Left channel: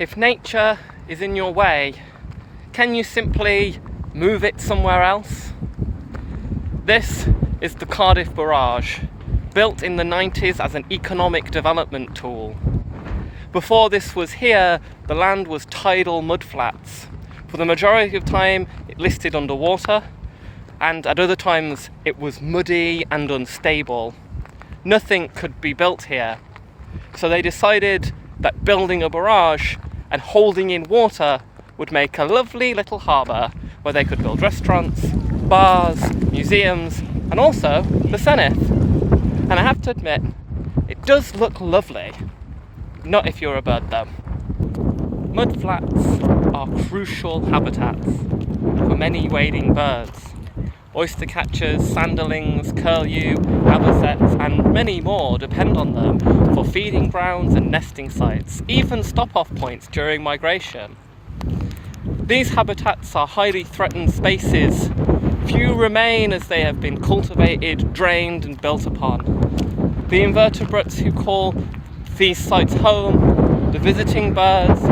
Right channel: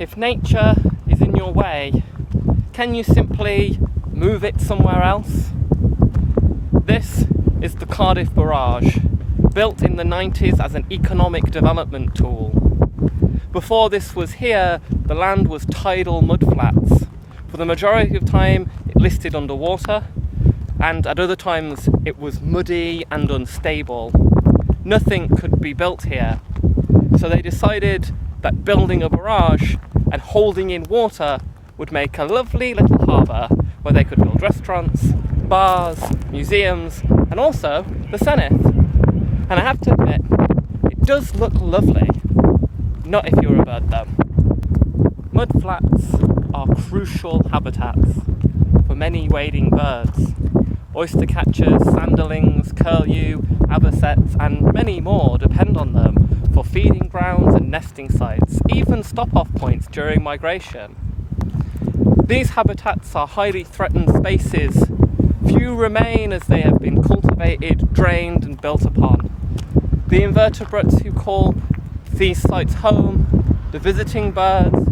If nature is in your way, can you simply move it somewhere else? This is the Cardiff Barrage, built in the 90s as an economic development tool. Before this was here, the land was tidal mudflats. For the majority of time, it listed underwater, and at other times it was muddy and unstable. Nothing could be built here. So they decided that building a barrage and holding in water would make a lovely little harbour where they could build restaurants, bars, museums, and also the Senate. And I have to admit, it does look lovely. Not if you're a bird though. Mudflats are crucial habitats for many wading birds. Oyster catchers, sanderlings, curlew, avocets, and many more depend on them for feeding grounds and nesting sites, even stop-off points during migration. These habitats are highly threatened spaces. Few remain as they have been cultivated, drained, and built upon. The invertebrates who call these sites home, the visiting birds,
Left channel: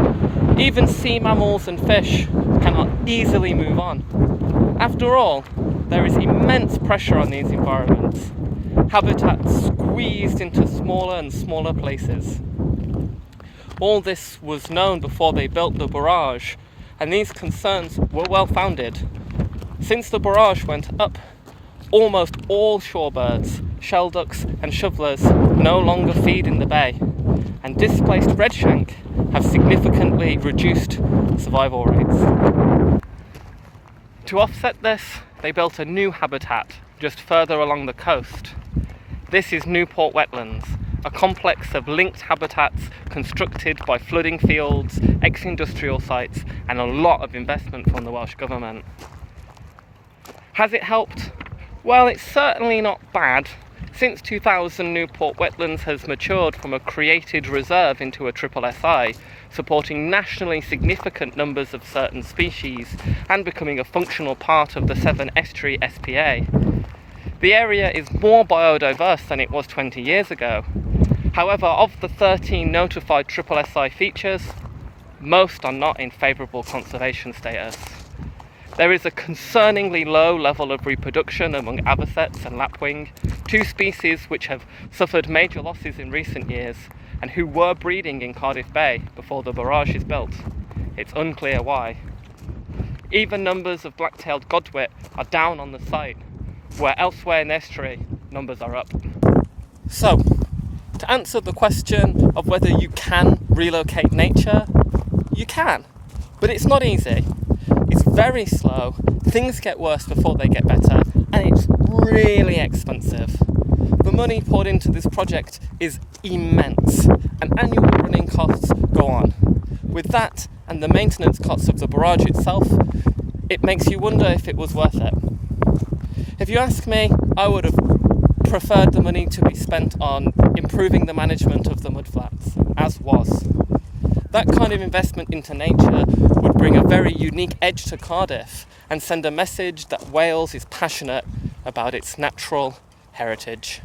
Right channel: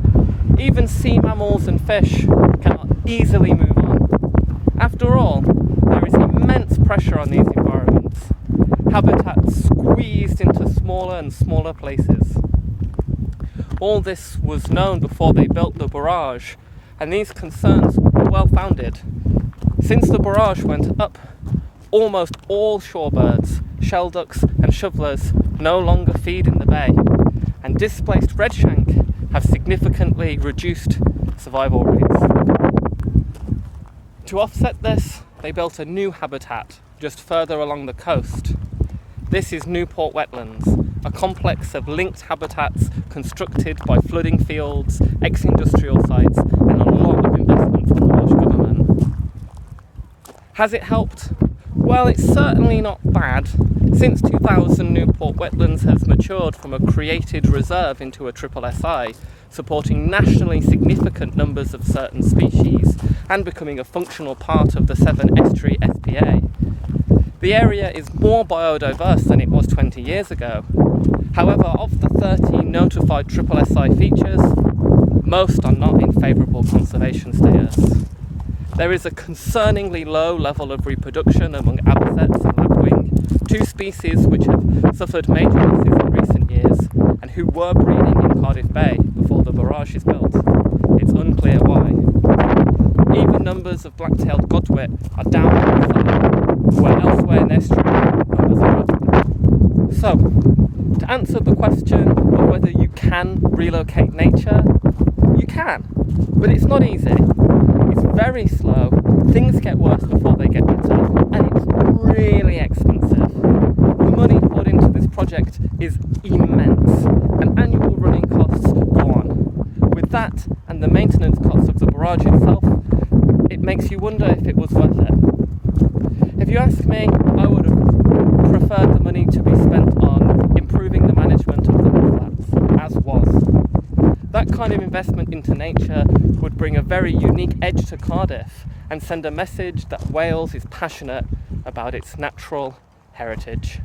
even sea mammals and fish cannot easily move on. After all, there is immense pressure on these environments, habitats squeezed into smaller and smaller places. All this was known before they built the barrage, and these concerns were well founded. Since the barrage went up, almost all shorebirds, shelducks and shovelers no longer feed in the bay, and displaced redshank have significantly reduced survival rates. To offset this, they built a new habitat just further along the coast. This is Newport Wetlands, a complex of linked habitats constructed by flooding fields, ex-industrial sites, and a lot of investment from the Welsh Government. Has it helped? Well, it's certainly not bad. Since 2000, Newport Wetlands has matured from a created reserve into a SSSI, supporting nationally significant numbers of certain species and becoming a functional part of the Severn Estuary SPA. The area is more biodiverse than it was 20 years ago. However, of the 13 notified SSSI features, most are not in favourable conservation status. There is a concerningly low level of reproduction among avocets and lapwing, two species which have suffered major losses in recent years and who were breeding in Cardiff Bay before the barrage is built. It's unclear why. Even numbers of black-tailed godwit are down on the site, where elsewhere in the estuary numbers are up. So, to answer the question of whether you can relocate nature, you can, but it's not easy. It's very slow, things get worse before they get better, and it's really expensive. The money poured into this project is immense, and annual running costs go on. With that, and the maintenance costs of the barrage itself, it makes you wonder if it was worth it. If you ask me, I would have preferred the money to be spent on improving the management of the mudflats, as was. That kind of investment into nature would bring a very unique edge to Cardiff and send a message that Wales is passionate about its natural heritage.